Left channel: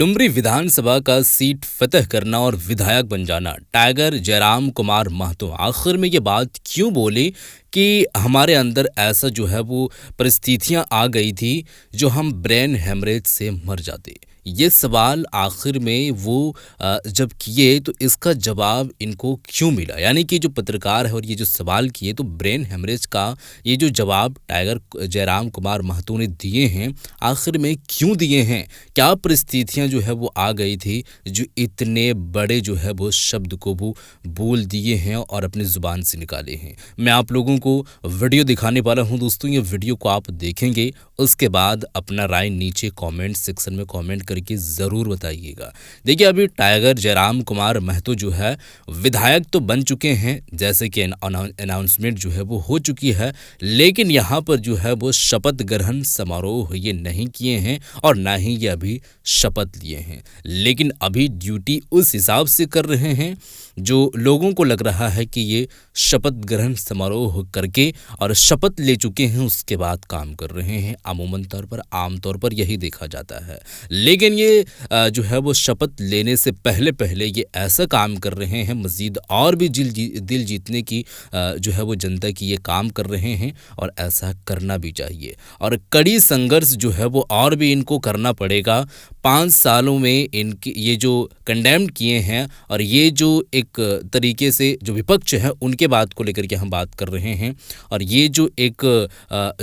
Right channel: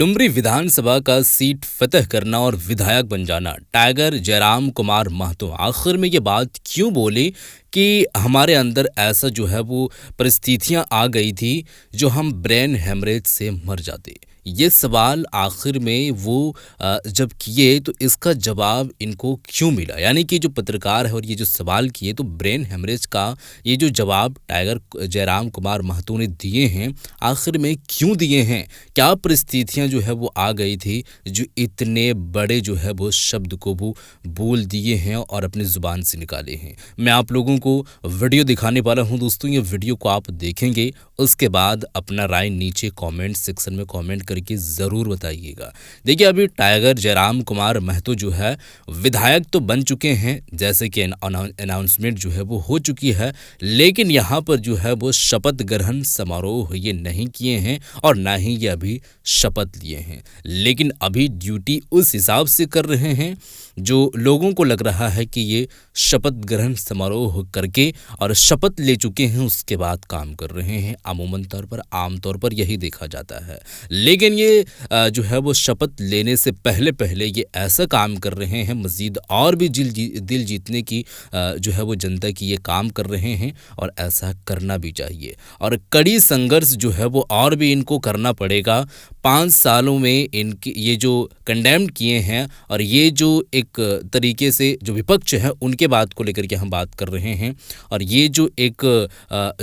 डुमरी विधानसभा का सीट फतह करना और विधायक बन जाना टाइगर जयराम कुमार महतो आखिर में ये बात क्यों बोले कि हमारे अंदर ऐसा जो है वो परिस्थितियां आ गई थी जो हम ब्रेन हेमरेज से मर जाते। ये सवाल आखिर में वो जब किए तो इसका जवाब इनको क्यों मिला, यानी कि जो पत्रकार है और ये जो सवाल किए तो ब्रेन हेमरेज का ये जो जवाब टाइगर जयराम कुमार महतो ने दिए हैं आखिर में क्यों दिए हैं, क्या परिस्थितियां जो है वो आ गई थी जो इतने बड़े जो है वो शब्द को वो बोल दिए हैं और अपनी ज़ुबान से निकाले हैं। मैं आप लोगों को वीडियो दिखाने वाला हूं दोस्तों, ये वीडियो को आप देखेंगे उसके बाद अपना राय नीचे कमेंट सेक्शन में कमेंट करके ज़रूर बताइएगा। देखिए अभी टाइगर जयराम कुमार महतो जो है विधायक तो बन चुके हैं, जैसे कि अनाउंसमेंट जो है वो हो चुकी है, लेकिन यहाँ पर जो है वो शपथ ग्रहण समारोह ये नहीं किए हैं और ना ही ये अभी शपथ लिए हैं, लेकिन अभी ड्यूटी उस हिसाब से कर रहे हैं जो लोगों को लग रहा है कि ये शपथ ग्रहण समारोह करके और शपथ ले चुके हैं उसके बाद काम कर रहे हैं। अमूमन तौर पर आमतौर पर यही देखा जाता है, लेकिन ये जो है वो शपथ लेने से पहले पहले ये ऐसा काम कर रहे हैं, मज़ीद और भी दिल जीतने की जो है वो जनता की ये काम कर रहे हैं और ऐसा करना भी चाहिए और कड़ी संघर्ष जो है वो और भी इनको करना पड़ेगा। 5 सालों में इनके ये जो कंडेम किए हैं और ये जो एक तरीके से जो विपक्ष है उनके बात को लेकर के हम बात कर रहे हैं और ये जो एक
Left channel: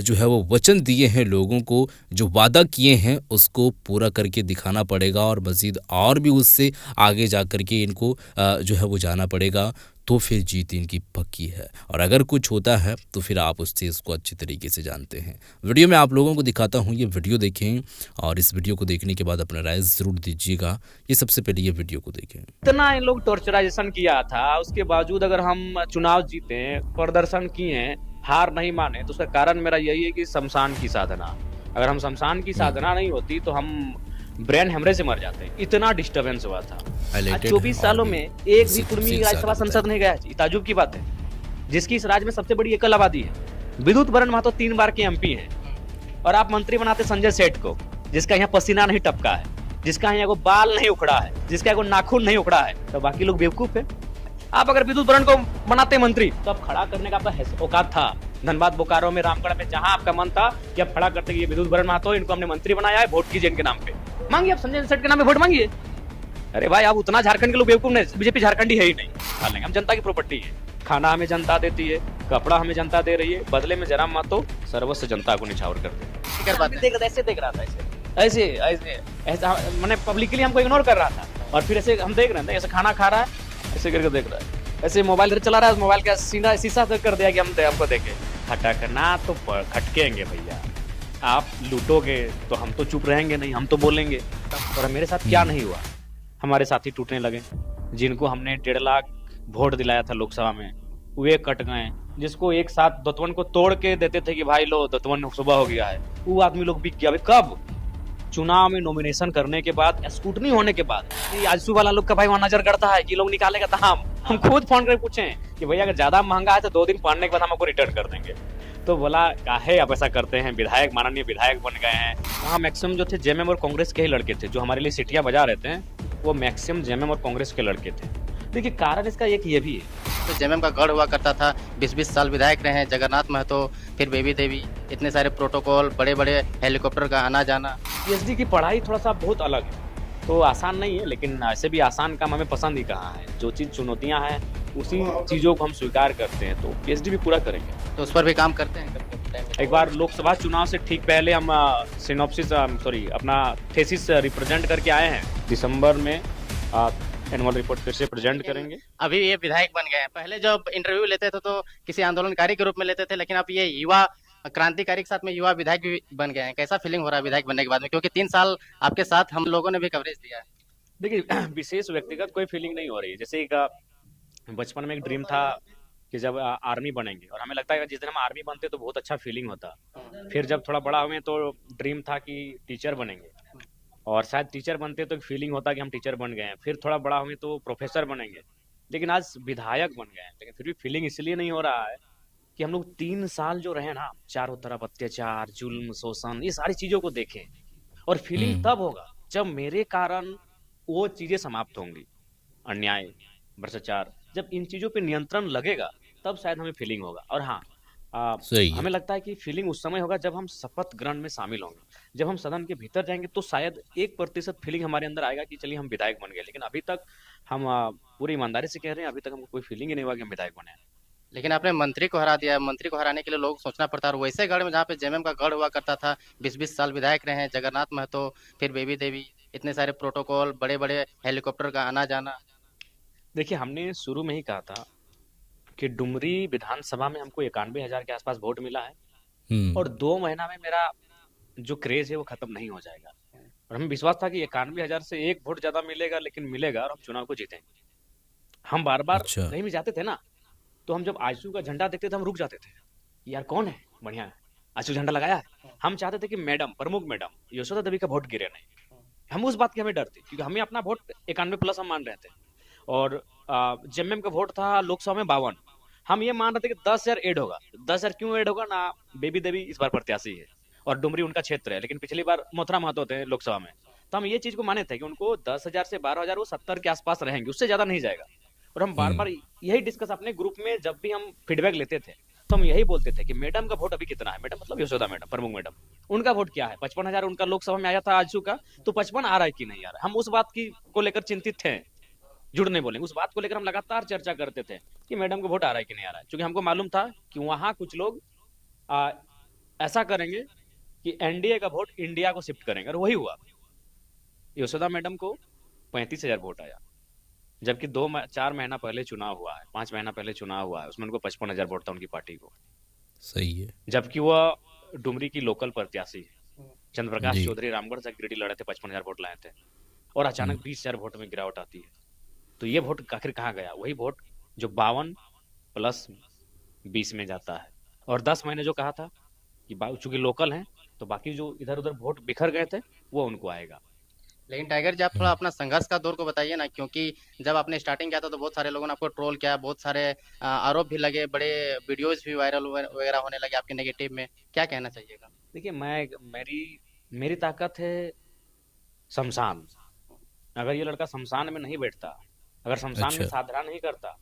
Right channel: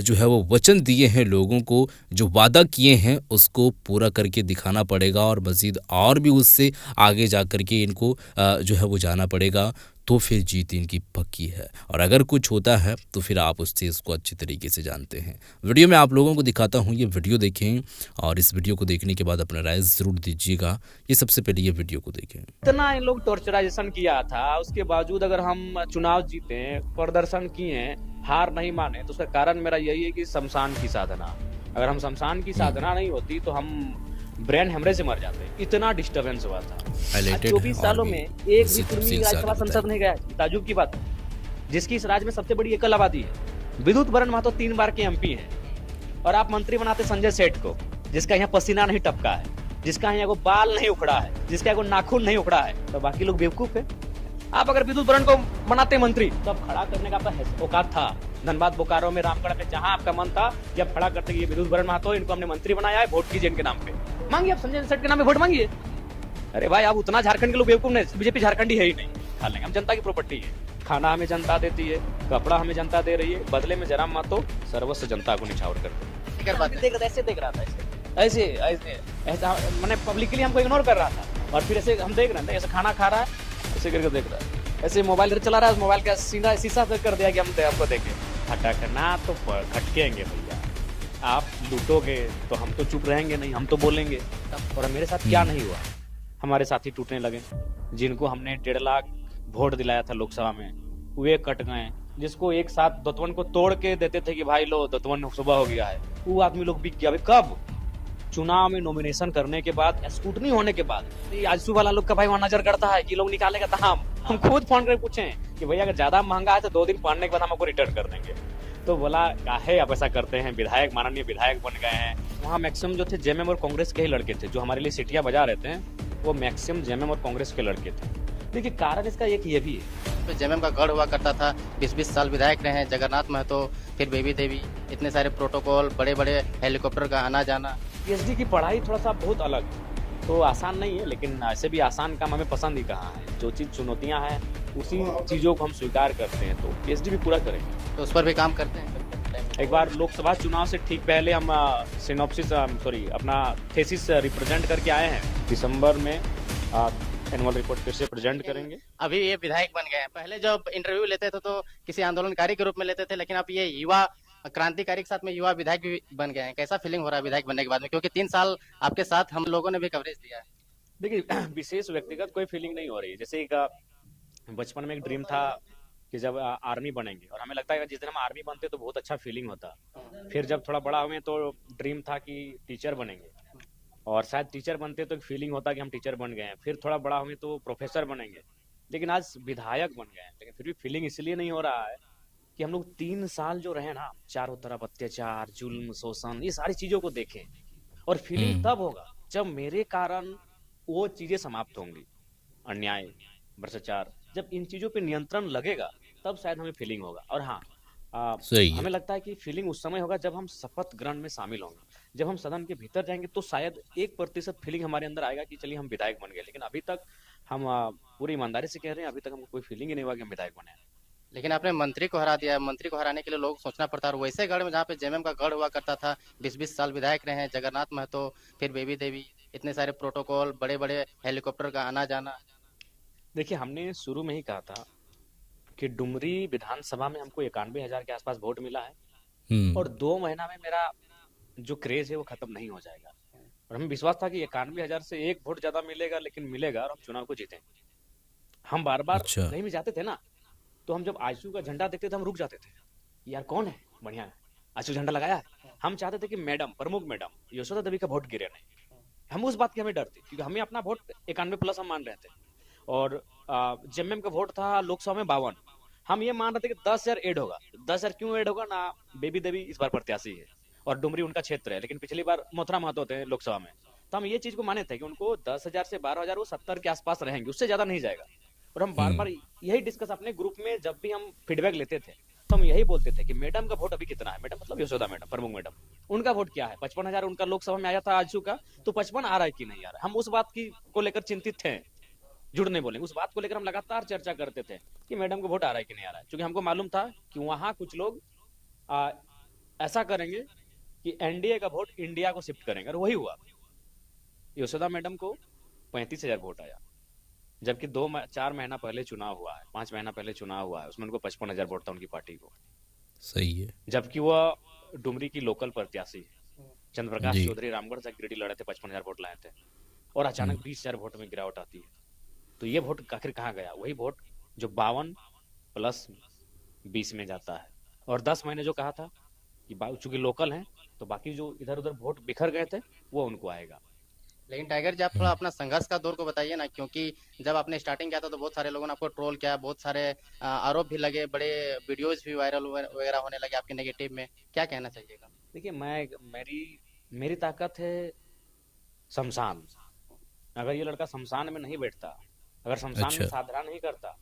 जो है वो वचन दिए हैं लोगों को, जो वादा किए हैं उसको पूरा करके दिखाना पड़ेगा और मज़ीद और भी उससे आगे जा कर के इनको जो है वो जाना पड़ेगा, तो फिर जीत इनकी पक्की है। और अगर कुछ होता है तो फिर आप उस चीज़ को अच्छी तरीके से जानते हैं। वीडियो में आप लोगों को दिखाता हूँ, ये वीडियो देखें और इस वीडियो को देखने के बाद अपना राय ज़रूर दीजिएगा। ये सबसे पहले ये वीडियो को देखें। इतना इन लोग टॉर्चराइजेशन किया था, उसके बावजूद अगर हम चुनाव जीते, प्रदर्शन किए, हार नहीं माने, तो उसका कारण मेरा यही है कि शमशान की साधना। अगर हम शमशान की साधना नहीं होती तो हम ब्रेन हेमरेज से मर जाते। इतना डिस्टर्बेंस हुआ था। 24 सालों में एक भी कुर्मी राज्यसभा संसद नहीं गया। ताजुब की बात है, जिसकी इस राज्य में सबसे बड़ी एकल आबादी है। विद्युत बरन महतो 3 बार के एमपी है और आप मंत्री बनाते संजय सेठ को, जिसका यहाँ पसीना नहीं टपका है, जिसका यहाँ बाल नहीं उखड़ा है, जिसका नाखून नहीं उखड़ा है, तो बाकी लोग बेवकूफ है। आप अगर विद्युत बरन को बनाते मंत्री तो अब खड़ा करने का आपका औकात था। धनबाद बोकारो में रामगढ़ में जहां आपका मन था कि आप खड़ा करते, ये विद्युत बरन महतो, इनको हमने मंत्री बनाया है, वोट कीजिए इनके नाम पे, मांगिए आप संजय सेठ के नाम पे वोट मांगिए। अरे भाई, आप उतना झारखंड के लोग बेवकूफ नहीं, बीजेपी झारखंडी है ही नहीं। खा लेंगे, हम जनता की प्रॉपर्टी है, खाना हमें जनता देती है, कपड़ा हमें जनता दे रही है, बदले में जयराम महतो सर्वस्व जनता को निछावर कर ऐसे देख रहा था, ऐसे ऐसा मैंने पब्लिकली हमको इग्नोर कर रहा था और फिर ऐसे हम देख रहे थे, ऐसे खाना खा रहा है, ऐसे करके देख रहा है, ऐसे मोबाइल चला रहा है, मोबाइल का शीशा कर दिया कि हम आपको देखें। खटकना तो खटकेंगे भैया, आप लूटोगे तो हम तो चुप रहेंगे नहीं, हम तो बोलेंगे। और मेरे साथ क्या नहीं हुआ, हमारे साथी टूटने लगे, जिनको हमने 1.5 लाख वोट दिलाया था लोकसभा में, वे कट गए। जिसको एक साथ दतवन को तोड़ के देते थे कि भाई लो दतवन सुबह हो गया है, वो आदमी लोग बिक गया। कब? चुनाव में नॉमिनेशन करने के बाद, स्कूटनी होने के बाद। आजसू वाला लोग का भाई वहां नजर करता है कि लोग निकालेगा, तो हम खुद फोन कर पूछे कि भैया अगर ज्यादा महंगा है तो 2 दिन पढ़ने के बाद हम आपको रिटर्न कर देंगे। तो बोला काहे आप ऐसा करते हैं, विधायक माननीय विधायक बन गए हैं। वहाँ मैक्सिमम जो थे जेएमएम और कांग्रेस के ही लड़के थे, जो हमारे लिए सीटियां बजा रहे थे, वो मैक्सिमम जेएमएम और कांग्रेस के लड़के थे। देखिए कारण इसका एक ये भी है, तो जेएमएम का गढ़ हुआ करता था, 20-20 साल विधायक रहे हैं, जगन्नाथ महतो, फिर बेबी देवी, इतने सारे प्रोटोकॉल, बड़े बड़े हेलीकॉप्टर का आना जाना। पीएचडी की पढ़ाई थोड़ा सा बहुत अलग है, तो आसान नहीं है, लेकिन ऐसे भी आसान काम हमें पसंद ही कहा है। जो चीज़ चुनौतियाँ हैं उसी चीज़ों को हम स्वीकार करते हैं, तो पीएचडी भी पूरा करेंगे, तो उस पर भी काम करते हैं। एक बार लोकसभा चुनाव से ठीक पहले हम अपना थेसिस रिप्रेजेंट करके आए हैं। दिसंबर में एनुअल रिपोर्ट फिर से प्रेजेंट करेंगे। अभी ये विधायक बन गए हैं, पहले जब इंटरव्यू लेते थे तो किसी आंदोलनकारी के रूप में लेते थे, लेकिन अब ये युवा क्रांतिकारी के साथ में युवा विधायक भी बन गए हैं। कैसा फीलिंग हो रहा है विधायक बनने के बाद में, क्योंकि 3 साल आपके साथ हम लोगों ने भी कवरेज दिया है। देखिए विशेष व्यक्तिगत कोई फीलिंग नहीं हो रही है। जैसे एक बचपन में एक ड्रीम था कि जब आर्मी बनेंगे, और हमें लगता है कि जिस दिन हम आर्मी बनते तो बहुत अच्छा फीलिंग होता। फिर जब थोड़ा बड़ा हुए तो ड्रीम था कि टीचर बनेंगे, और शायद टीचर बनते तो एक फीलिंग होता कि हम टीचर बन गए हैं। फिर थोड़ा बड़ा हुए तो प्रोफेसर बनेंगे, लेकिन आज विधायक बन गए हैं। लेकिन फिर भी फीलिंग इसलिए नहीं हो रहा है कि हम लोग 3 साल जो रहे ना, चारों तरफ अत्याचार, जुल्म, शोषण, ये सारी चीजों को देखें, और फीलिंग तब होगा जब मेरे कारण वो चीजें समाप्त होंगी, अन्याय, भ्रष्टाचार, जब इन चीजों पे नियंत्रण लगेगा, तब शायद हमें फीलिंग होगा। और हाँ, सही है। हमें लगता है कि फीलिंग उस समय होगा जब हम शपथ ग्रहण में शामिल होंगे। जब हम सदन के भीतर जाएंगे तो शायद 1% फीलिंग हमारे अंदर आएगा कि चलिए हम विधायक बन गए। लेकिन अभी तक हम पूरी ईमानदारी से कह रहे हैं, अभी तक हमको कोई फीलिंग ही नहीं हुआ कि हम विधायक बने हैं। लेकिन आपने मंत्री को हरा दिया। मंत्री को हराने के लिए लोग सोचना पड़ता है, और वैसे गढ़ में जहाँ पे जेएमएम का गढ़ हुआ करता था, 20-20 साल विधायक रहे हैं, जगन्नाथ महतो, फिर बेबी देवी, इतने सारे प्रोटोकॉल, बड़े बड़े हेलीकॉप्टर का आना जाना। देखिए, हमने शुरू में ही कहा था कि डुमरी विधानसभा में हमको 91,000 के आसपास वोट मिला है, हम्म। और 2 महीना में मेरा जो क्रेज है वो खत्म नहीं हो जाएगा। और हमें विश्वास था कि 91,000 से 1 वोट ज्यादा मिलेगा, लेकिन मिलेगा और हम चुनाव को जीतेंगे। हम बार बार अच्छा। कहीं भी जाते थे ना, तो हम जब आईसीयू का झंडा देखते थे हम रुक जाते थे, यार कौन है, बढ़िया है, आईसीयू झंडा लगाया है। हम चाहते थे कि मैडम, प्रमुख मैडम यशोदा देवी का वोट गिरे नहीं। हम उस बात की हमें डर थी, क्योंकि हमें अपना वोट 91+ हम मान रहे थे। और जेएमएम का वोट था लोकसभा में 52। हम ये मान रहे थे कि 10,000 ऐड होगा। 10,000 क्यों ऐड होगा ना, बेबी देवी इस बार प्रत्याशी है और डुमरी उनका क्षेत्र है, लेकिन पिछली बार मथुरा महतो थे लोकसभा में। तो हम ये चीज को माने थे कि उनको 10,000 से 12,000 वो 70 के आसपास रहेंगे, उससे ज्यादा नहीं जाएगा। और हम बार बार हम्म। यही डिस्कस अपने ग्रुप में जब भी हम फीडबैक लेते थे, तो हम यही बोलते थे कि मैडम का वोट अभी कितना है, मैडम मतलब यशोदा मैडम, प्रमुख मैडम, उनका वोट क्या है। 55,000 उनका लोकसभा में आया था आजसू का, तो 55 आ रहा है कि नहीं आ रहा है, हम उस बात की को लेकर चिंतित थे। झूठ नहीं बोलेंगे, उस बात को लेकर हम लगातार चर्चा करते थे कि मैडम को वोट आ रहा है कि नहीं आ रहा है, क्योंकि हमको मालूम था कि वहां कुछ लोग आ, ऐसा करेंगे कि एनडीए का वोट इंडिया को शिफ्ट करेंगे, और वही हुआ। यशोदा मैडम को 35,000 वोट आया, जबकि 4 महीना पहले चुनाव हुआ है, 5 महीना पहले चुनाव हुआ है, उसमें उनको 55,000 वोट था उनकी पार्टी को। सही है। जबकि वह डुमरी की लोकल प्रत्याशी है, चंद्र प्रकाश जी। चौधरी रामगढ़ से गिरिडीह लड़े थे, 55,000 वोट लाए थे, और हम्म। अचानक 20,000 वोट में गिरावट आती है। तो ये वोट आखिर कहाँ गया, वही वोट जो 52+20 में जाता है। और 10 महीने जो कहा था कि चूंकि लोकल हैं, तो बाकी जो इधर उधर वोट बिखर गए थे वो उनको आएगा। लेकिन टाइगर जी, आप थोड़ा हम्म। अपना संघर्ष का दौर को बताइए ना, क्योंकि जब आपने स्टार्टिंग किया था तो बहुत सारे लोगों ने आपको ट्रोल किया, बहुत सारे आरोप भी लगे, बड़े वीडियोस भी वायरल वगैरह होने लगे आपके नेगेटिव में। क्या कहना चाहिएगा? देखिए, मैं मेरी मेरी ताकत है शमशान। अगर ये लड़का शमशान में नहीं बैठता, अगर शमशान में अच्छा। साधना नहीं करता,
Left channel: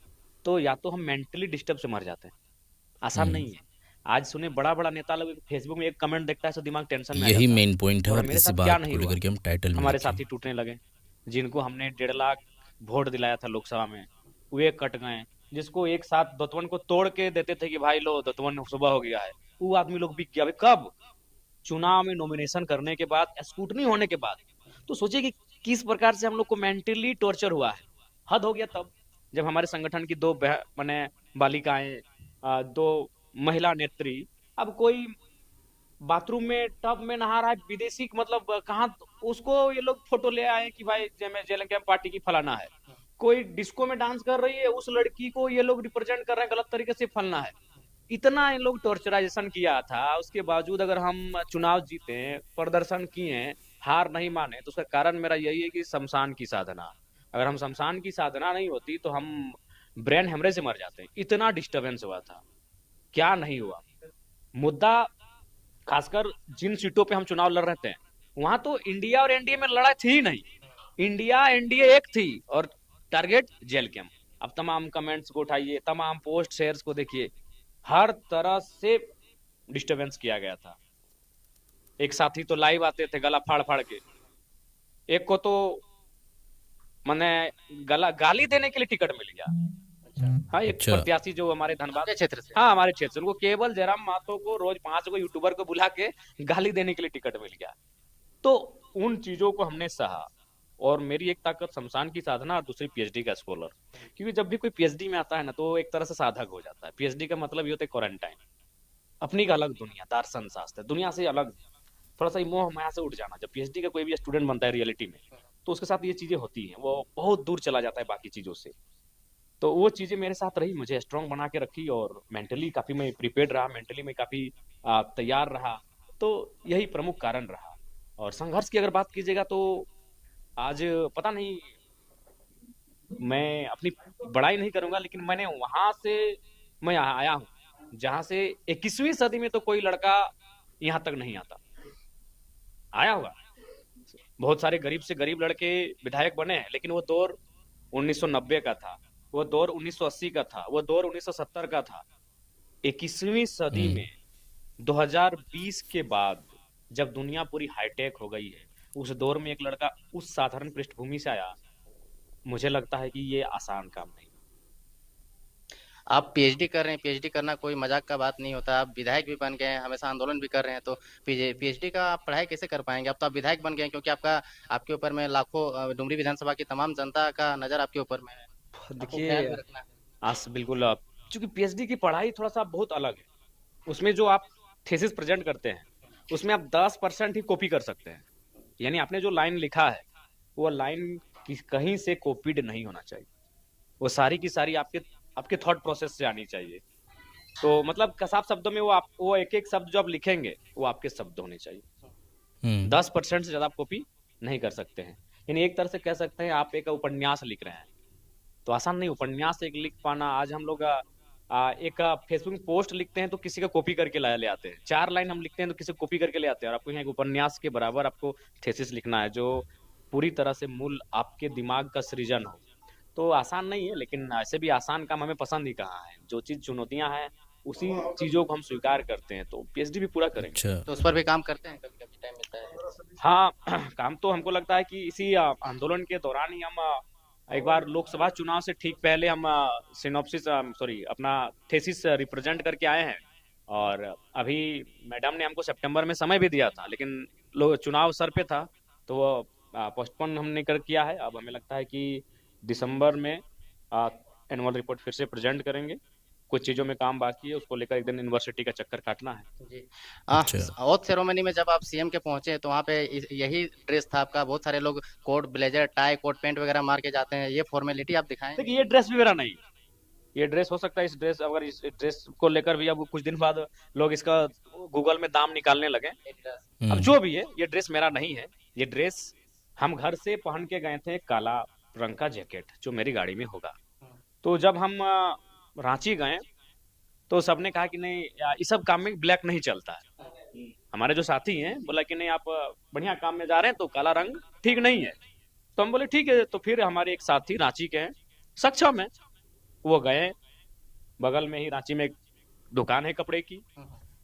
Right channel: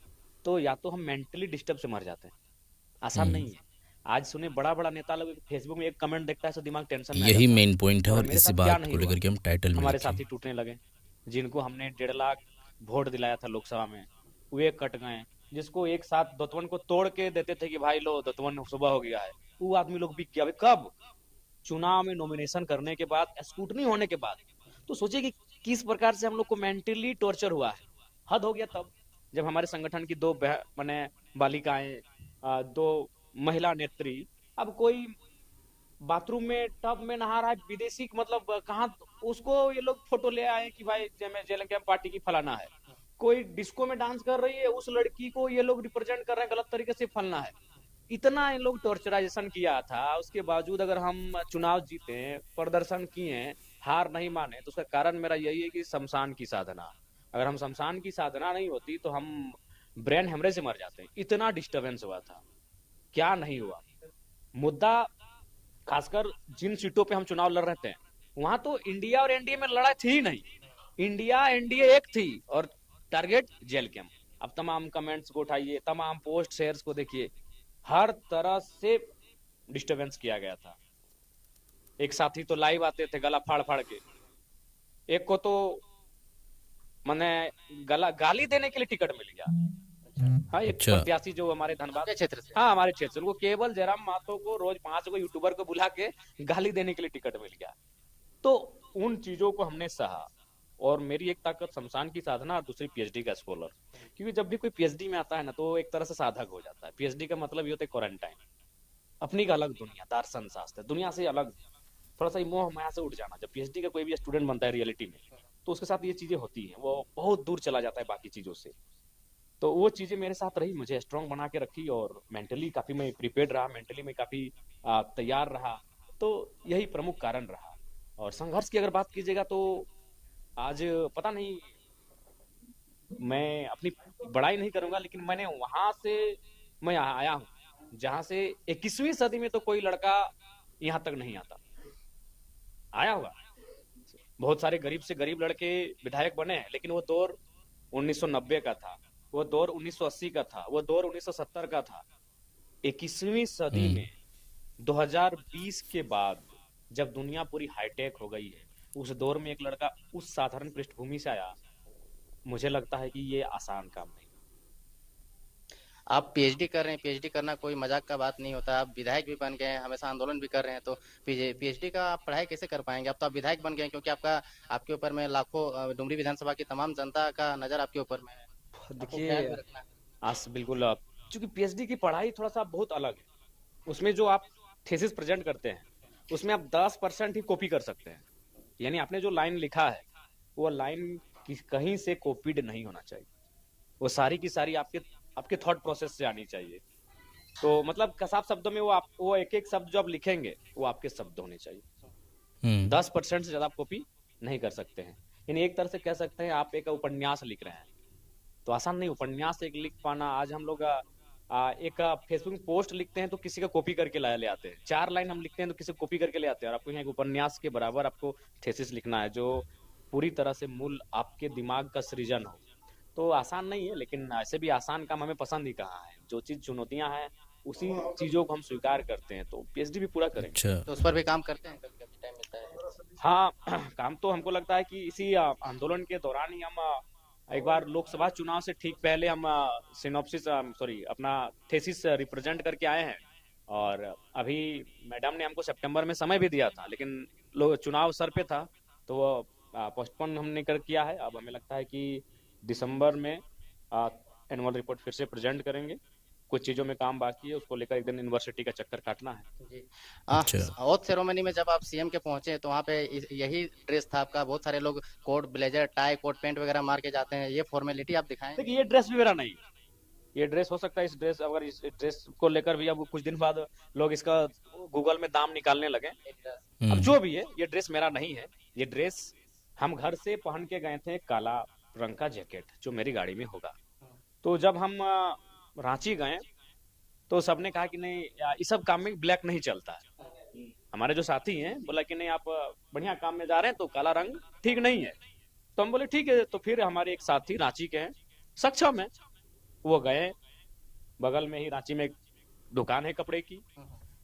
तो या तो हम मेंटली डिस्टर्ब से मर जाते हैं। आसान हम्म। नहीं है। आज सुने बड़ा बड़ा नेता लोग फेसबुक में एक कमेंट देखता है तो दिमाग टेंशन में आ यही जाता है। मेन पॉइंट है और और मेरे इसी साथ क्या बात नहीं को हुआ, लेकर के हम टाइटल में हमारे लिखे। साथी टूटने लगे। जिनको हमने 1.5 लाख वोट दिलाया था लोकसभा में, वे कट गए। जिसको एक साथ दतवन को तोड़ के देते थे कि भाई लो दतवन सुबह हो गया है, वो आदमी लोग बिक गया। अभी कब, चुनाव में नॉमिनेशन करने के बाद, स्कूटनी होने के बाद। तो सोचिए कि किस प्रकार से हम लोग को मेंटली टॉर्चर हुआ है। हद हो गया तब जब हमारे संगठन की 2 माने बालिकाएं, 2 महिला नेत्री, अब कोई बाथरूम में टब में नहा रहा है, विदेशी मतलब कहाँ, उसको ये लोग फोटो ले आए कि भाई जेएलएम पार्टी की फलाना है। कोई डिस्को में डांस कर रही है, उस लड़की को ये लोग रिप्रेजेंट कर रहे हैं गलत तरीके से, फलना है। इतना इन लोग टॉर्चराइजेशन किया था, उसके बावजूद अगर हम चुनाव जीते, प्रदर्शन किए, हार नहीं माने, तो उसका कारण मेरा यही है कि शमशान की साधना। अगर हम शमशान की साधना नहीं होती तो हम ब्रेन हेमरेज से मर जाते। इतना डिस्टरबेंस हुआ था, क्या नहीं हुआ। मुद्दा, खासकर जिन सीटों पे हम चुनाव लड़ रहे थे, वहां तो इंडिया और एनडीए में लड़ाई थी ही नहीं। इंडिया एनडीए एक थी, और टारगेट जेल कैंप। अब तमाम कमेंट्स को उठाइए, तमाम पोस्ट शेयर्स को देखिए, हर तरह से डिस्टरबेंस किया गया था। एक साथी तो लाइव आते थे गला फाड़ फाड़ के, एक को तो मैंने गला गाली देने के लिए टिकट मिल गया। हाँ, एक अच्छा। प्रत्याशी जो हमारे धनबाद, आपके क्षेत्र से? हाँ हमारे क्षेत्र से, उनको केवल जयराम महतो को रोज 5 को यूट्यूबर को बुला के गाली देने के लिए टिकट मिल गया। तो उन चीजों को हमने सहा। और मेरी एक ताकत शमशान की साधना, और दूसरी पीएचडी का स्कॉलर। क्योंकि जब भी कोई पीएचडी में आता है ना, तो एक तरह से साधक हो जाता है। पीएचडी का मतलब ये होता है क्वारंटाइन, अपनी का अलग दुनिया, दर्शन शास्त्र, दुनिया से अलग, थोड़ा सा मोह माया से उठ जाना। जब पीएचडी का कोई भी स्टूडेंट बनता है रियलिटी में, तो उसके साथ ये चीजें होती हैं, वो बहुत दूर चला जाता है बाकी चीजों से। तो वो चीजें मेरे साथ रही, मुझे स्ट्रांग बना के रखी, और मेंटली काफी मैं प्रिपेयर्ड रहा, मेंटली मैं काफी तैयार रहा। तो यही प्रमुख कारण रहा। और संघर्ष की अगर बात कीजिएगा तो आज पता नहीं, मैं अपनी बड़ाई नहीं करूंगा, लेकिन मैंने वहां से मैं यहाँ आया हूँ जहां से 21वीं सदी में तो कोई लड़का यहाँ तक नहीं आता, आया होगा। बहुत सारे गरीब से गरीब लड़के विधायक बने हैं, लेकिन वो दौर 1990 का था, वो दौर 1980 का था, वो दौर 1970 का था। 21वीं सदी हम्म। में 2020 के बाद जब दुनिया पूरी हाईटेक हो गई है, उस दौर में एक लड़का उस साधारण पृष्ठभूमि से आया, मुझे लगता है कि ये आसान काम नहीं। आप पीएचडी कर रहे हैं, पीएचडी करना कोई मजाक का बात नहीं होता। आप विधायक भी बन गए हैं, हमेशा आंदोलन भी कर रहे हैं, तो पीएचडी का आप पढ़ाई कैसे कर पाएंगे? अब तो आप विधायक बन गए हैं, क्योंकि आपके ऊपर में लाखों डुमरी विधानसभा की तमाम जनता का नजर आपके ऊपर में है। आपको ख्याल देखिए, भी रखना है। आज बिल्कुल चूंकि पीएचडी की पढ़ाई थोड़ा सा बहुत अलग है। उसमें जो आप थीसिस प्रेजेंट करते हैं, उसमें आप 10% ही कॉपी कर सकते हैं। यानी आपने जो लाइन लिखा है, वो लाइन कहीं से कॉपीड नहीं होना चाहिए। वो सारी की सारी आपके आपके थॉट प्रोसेस से आनी चाहिए। तो मतलब कसाब शब्दों में वो एक एक शब्द जो आप लिखेंगे, वो आपके शब्द होने चाहिए। हम्म। 10% से ज्यादा आप कॉपी नहीं कर सकते हैं। यानी एक तरह से कह सकते हैं आप एक उपन्यास लिख रहे हैं, तो आसान नहीं उपन्यास एक लिख पाना। आज हम लोग एक फेसबुक पोस्ट लिखते हैं तो किसी का कॉपी करके ले आते हैं, 4 लाइन हम लिखते हैं तो किसी को कॉपी करके ले आते हैं, और आपको यहाँ एक उपन्यास के बराबर आपको थेसिस लिखना है, जो पूरी तरह से मूल आपके दिमाग का सृजन हो। तो आसान नहीं है, लेकिन ऐसे भी आसान काम हमें पसंद ही कहाँ है। जो चीज चुनौतियां हैं, उसी चीजों को हम स्वीकार करते हैं, तो पीएचडी भी पूरा करेंगे। अच्छा। तो उस पर भी काम करते हैं, कभी कभी टाइम मिलता है। हाँ, काम तो हमको लगता है कि इसी आंदोलन के दौरान ही हम एक बार लोकसभा चुनाव से ठीक पहले हम सिनॉप्सिस सॉरी अपना थेसिस रिप्रेजेंट करके आए हैं। और अभी मैडम ने हमको सितंबर में समय भी दिया था, लेकिन लोग चुनाव सर पे था, तो पोस्टपोन हमने कर किया है। अब हमें लगता है कि दिसंबर में एनुअल रिपोर्ट फिर से प्रेजेंट करेंगे। कुछ चीजों में काम बाकी है, उसको लेकर एक दिन यूनिवर्सिटी का चक्कर काटना है। जी। अच्छा। ओथ सेरेमनी में जब आप सीएम के पहुंचे, तो वहाँ पे यही ड्रेस था आपका। बहुत सारे लोग coat blazer tie coat pant वगैरह मार के जाते हैं, ये फॉर्मेलिटी आप दिखाएं। देखिए, ये ड्रेस भी मेरा नहीं है। ये ड्रेस हो सकता है, इस ड्रेस अगर इस ड्रेस को लेकर भी अब कुछ दिन बाद लोग इसका गूगल में दाम निकालने लगे। अब हम्म। जो भी है, ये ड्रेस मेरा नहीं है। ये ड्रेस हम घर से पहन के गए थे, काला रंग का जैकेट जो मेरी गाड़ी में होगा। तो जब हम रांची गए, तो सबने कहा कि नहीं इस सब काम में ब्लैक नहीं चलता है। हमारे जो साथी हैं बोला कि नहीं, आप बढ़िया काम में जा रहे हैं तो काला रंग ठीक नहीं है। तो हम बोले ठीक है। तो फिर हमारे एक साथी रांची के हैं, सक्षम है, वो गए, बगल में ही रांची में एक दुकान है कपड़े की,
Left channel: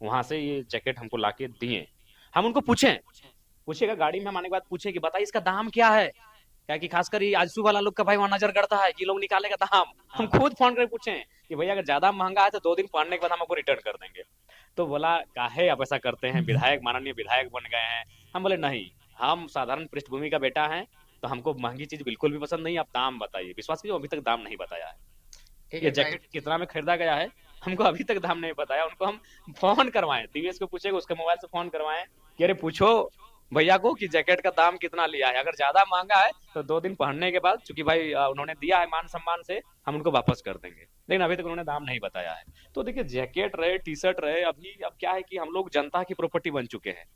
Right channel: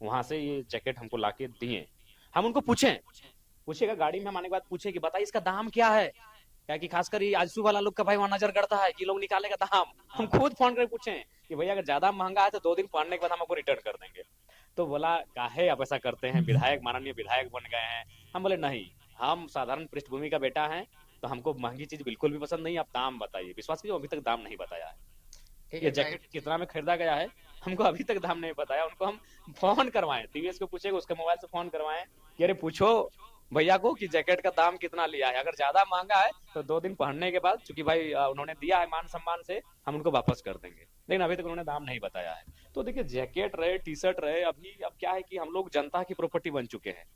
वहां से ये जैकेट हमको लाके दिए। हम उनको पूछेगा गाड़ी में हम आने के बाद पूछे कि बताइए इसका दाम क्या है। क्या कि खासकर ये आजसू वाला लोग का भाई वहां नजर करता है कि लोग निकालेगा दाम। हम खुद फोन करके पूछे कि भैया अगर ज्यादा महंगा है तो 2 दिन पहनने के बाद हम आपको रिटर्न कर देंगे। तो बोला काहे आप ऐसा करते हैं, विधायक माननीय विधायक बन गए हैं। हम बोले नहीं, हम साधारण पृष्ठभूमि का बेटा है, तो हमको महंगी चीज बिल्कुल भी पसंद नहीं। आप दाम बताइए। विश्वास कीजिए, अभी तक दाम नहीं बताया है। ठीक ये है भाई। जैकेट कितना में खरीदा गया है, हमको अभी तक दाम नहीं बताया। उनको हम फोन करवाएं, टीवीएस को पूछे, उसके मोबाइल से फोन करवाएं कि अरे पूछो भैया को कि जैकेट का दाम कितना लिया है। अगर ज्यादा महंगा है तो 2 दिन पहनने के बाद, चूंकि भाई उन्होंने दिया है मान सम्मान से, हम उनको वापस कर देंगे। लेकिन अभी तक उन्होंने दाम नहीं बताया है। तो देखिए, जैकेट रहे, टी शर्ट रहे, अभी अब क्या है कि हम लोग जनता की प्रॉपर्टी बन चुके हैं।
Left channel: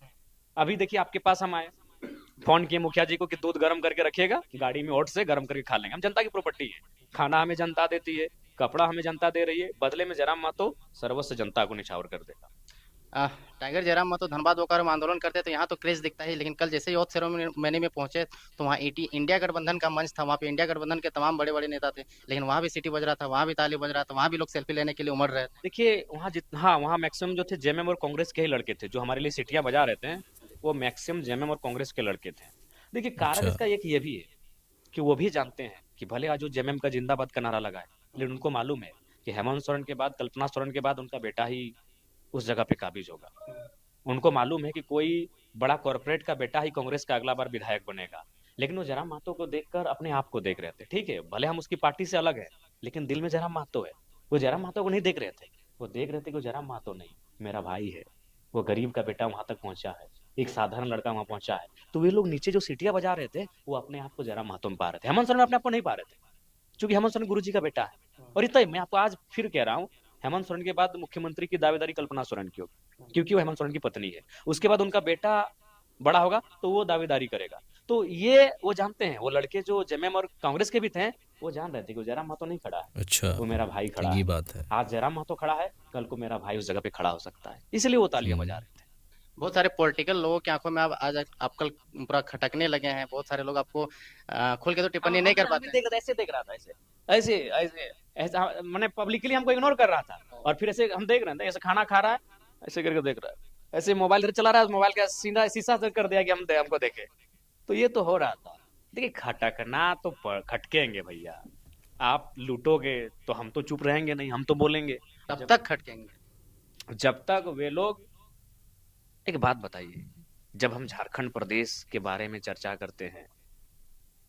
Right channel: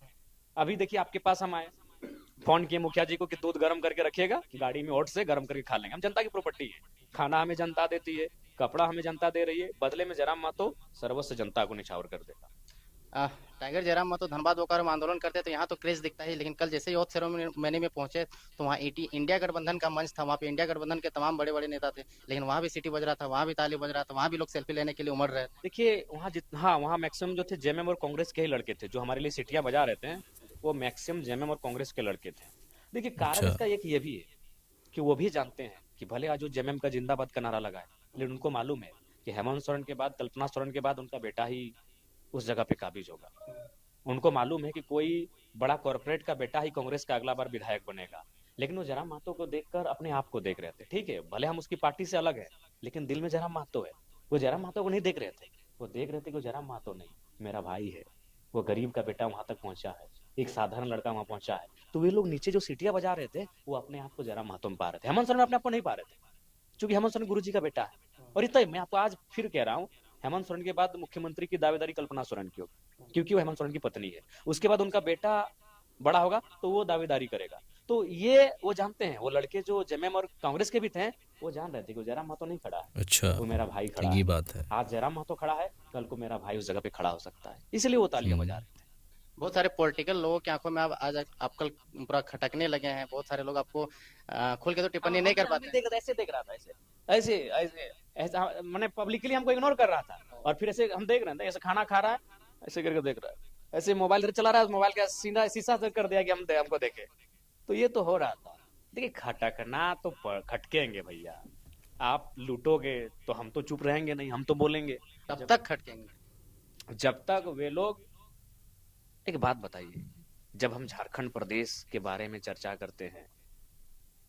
अभी देखिए, आपके पास हम आए, फोन किए मुखिया जी को कि दूध गर्म करके रखिएगा, गाड़ी में ओट से गर्म करके खा लेंगे। हम जनता की प्रॉपर्टी है। खाना हमें जनता देती है, कपड़ा हमें जनता दे रही है, बदले में जयराम महतो सर्वस्व जनता को निछावर कर देगा। टाइगर जयराम महतो धनबाद होकर हम आंदोलन करते तो यहाँ तो क्रेज दिखता है, लेकिन कल जैसे ही ओथ सेरेमनी में पहुंचे, तो वहाँ इंडिया गठबंधन का मंच था। वहाँ पे इंडिया गठबंधन के तमाम बड़े बड़े नेता थे, लेकिन वहाँ भी सीटी बज रहा था, वहाँ भी ताली बज रहा था, वहाँ भी लोग सेल्फी लेने के लिए उमड़ रहे थे। देखिए, वहाँ हाँ, वहाँ मैक्सिमम जो थे जेएमएम और कांग्रेस के ही लड़के थे, जो हमारे लिए सीटियां बजा रहे थे। वो मैक्सिमम जेएमएम और कांग्रेस के लड़के थे। देखिए, कारण अच्छा। इसका एक ये भी है कि वो भी जानते हैं कि भले आज जो जेएमएम का जिंदाबाद का नारा लगा है, लेकिन उनको मालूम है कि हेमंत सोरेन के बाद, कल्पना सोरेन के बाद उनका बेटा ही उस जगह पे काबिज होगा। उनको मालूम है कि कोई बड़ा कॉर्पोरेट का बेटा ही कांग्रेस का अगला बार विधायक बनेगा। लेकिन वो जयराम महतो को देखकर अपने आप को देख रहे थे। ठीक है, भले हम उसकी पार्टी से अलग है, लेकिन दिल में जयराम महतो है। वो जयराम महतो को नहीं देख रहे थे, वो देख रहे थे कि जयराम महतो नहीं, मेरा भाई है, वो गरीब का बेटा वहां तक पहुंचा है, एक साधारण लड़का वहां पहुंचा है। तो वे लोग नीचे जो सीटियां बजा रहे थे, वो अपने आप को जयराम महतो में पा रहे थे। हेमंत सोरेन अपने आप को नहीं पा रहे थे, क्योंकि हेमंत सोरेन गुरु जी का बेटा है। और इतना ही, मैं आपको आज फिर कह रहा हूँ, हेमंत सोरेन के बाद मुख्यमंत्री की दावेदारी कल्पना सोरेन की होगी, क्योंकि वो हेमंत सोरेन की पत्नी है। उसके बाद उनका बेटा बड़ा होगा तो वो दावेदारी करेगा। तो ये वो जानते हैं, वो लड़के जो जेएमएम और कांग्रेस के भी थे, वो जान रहे थे कि जयराम महतो नहीं खड़ा है, अच्छा। वो मेरा भाई तो खड़ा ये है। बात है। आज जयराम महतो खड़ा है, कल को मेरा भाई उस जगह पे खड़ा हो सकता है, इसलिए वो तालियां बजा हम्म। रहे थे। बहुत सारे पॉलिटिकल लोगों की आंखों में आप आज आप कल पूरा खटकने लगे हैं। बहुत सारे लोग आपको खुल के तो टिप्पणी नहीं कर पाते। देख रहा ऐसे देख रहा था, ऐसे ऐसे ऐसे ऐसा, मैंने पब्लिकली हमको इग्नोर कर रहा था, और फिर ऐसे हम देख रहे थे, ऐसे खाना खा रहा है, ऐसे करके देख रहा है, ऐसे मोबाइल चला रहा है, मोबाइल का शीशा से कर दिया कि हमको देखे। तो ये तो हो रहा था। देखिए, खटकना तो खटकेंगे भैया। आप लूटोगे तो हम तो चुप रहेंगे नहीं, हम तो बोलेंगे। कब तक खटकेंगे? जब तक वे लोग, एक बात बताइए, जब हम झारखंड प्रदेश के बारे में चर्चा करते हैं,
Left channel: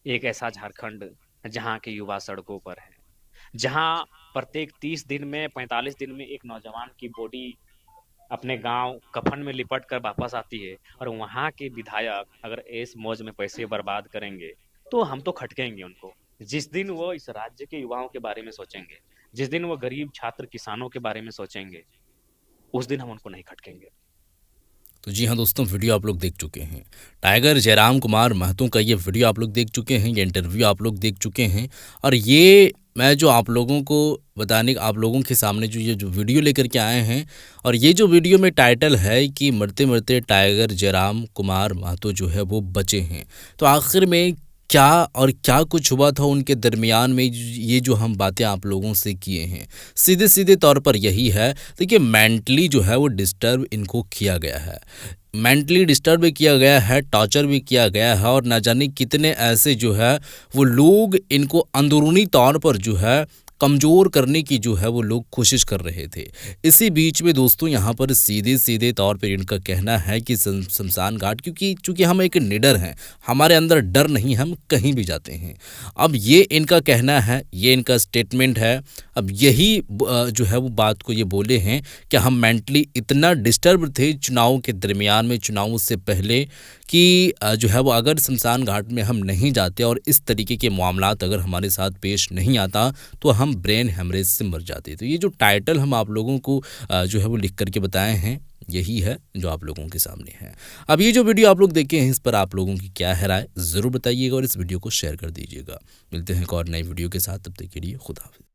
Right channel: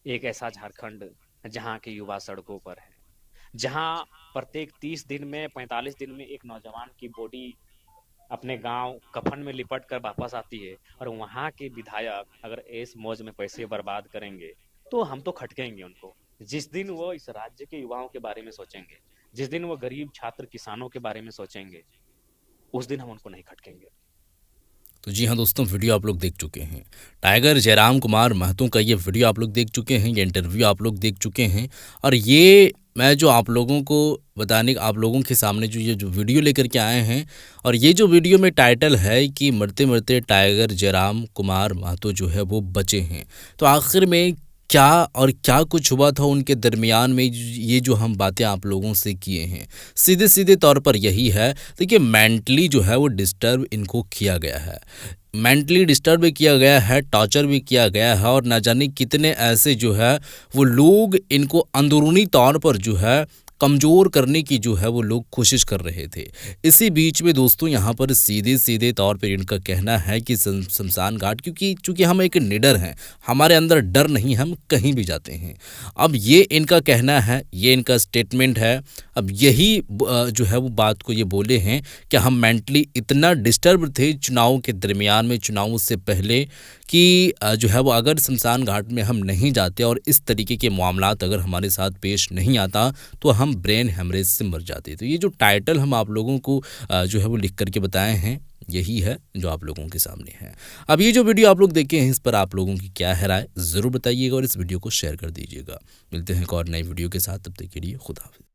एक ऐसा झारखंड जहाँ के युवा सड़कों पर है, जहाँ प्रत्येक 30 दिन में 45 दिन में एक नौजवान की बॉडी अपने गांव कफन में लिपट कर वापस आती है, और वहाँ के विधायक अगर ऐस मौज में पैसे बर्बाद करेंगे तो हम तो खटकेंगे उनको। जिस दिन वो इस राज्य के युवाओं के बारे में सोचेंगे, जिस दिन वो गरीब छात्र किसानों के बारे में सोचेंगे, उस दिन हम उनको नहीं खटकेंगे। तो जी हाँ दोस्तों, वीडियो आप लोग देख चुके हैं। टाइगर जयराम कुमार महतो का ये वीडियो आप लोग देख चुके हैं, ये इंटरव्यू आप लोग देख चुके हैं। और ये मैं जो आप लोगों को बताने, आप लोगों के सामने जो ये जो वीडियो लेकर के आए हैं, और ये जो वीडियो में टाइटल है कि मरते मरते टाइगर जयराम कुमार महतो जो है वो बचे हैं। तो आखिर में क्या और क्या कुछ हुआ था उनके दरमियान में, ये जो हम बातें आप लोगों से किए हैं, सीधे सीधे तौर पर यही है। देखिए, मेंटली जो है वो डिस्टर्ब इनको किया गया है, मेंटली डिस्टर्ब भी किया गया है, टॉर्चर भी किया गया है, और ना जाने कितने ऐसे जो है वो लोग इनको अंदरूनी तौर पर जो है कमज़ोर करने की जो है वो लोग कोशिश कर रहे थे। इसी बीच में दोस्तों यहाँ पर सीधे सीधे तौर पर इनका कहना है कि शमशान घाट, क्योंकि चूँकि हम एक निडर हैं, हमारे अंदर डर नहीं, हम कहीं भी जाते हैं। अब ये इनका कहना है, ये इनका स्टेटमेंट है। अब यही जो है वो बात को ये बोले हैं कि हम मेंटली इतना डिस्टर्ब थे चुनाव के दरमियान में, चुनाव से पहले, कि जो है वो अगर शमशान घाट में हम नहीं जाते और इस तरीके के मामलात अगर हमारे साथ पेश नहीं आता तो हम ब्रेन हेमरेज से मर जाते। तो ये जो टाइटल हम आप लोगों को जो है वो लिख करके बताए हैं, यही है जो आप लोगों के सामने है। अब ये जो वीडियो आप लोग देखे हैं, इस पर आप लोगों की क्या है राय, ज़रूर बताइएगा और इस वीडियो को शेयर कर दीजिएगा। मिलते हैं एक और नई वीडियो के साथ, तब तक के लिए खुदा हाफिज़।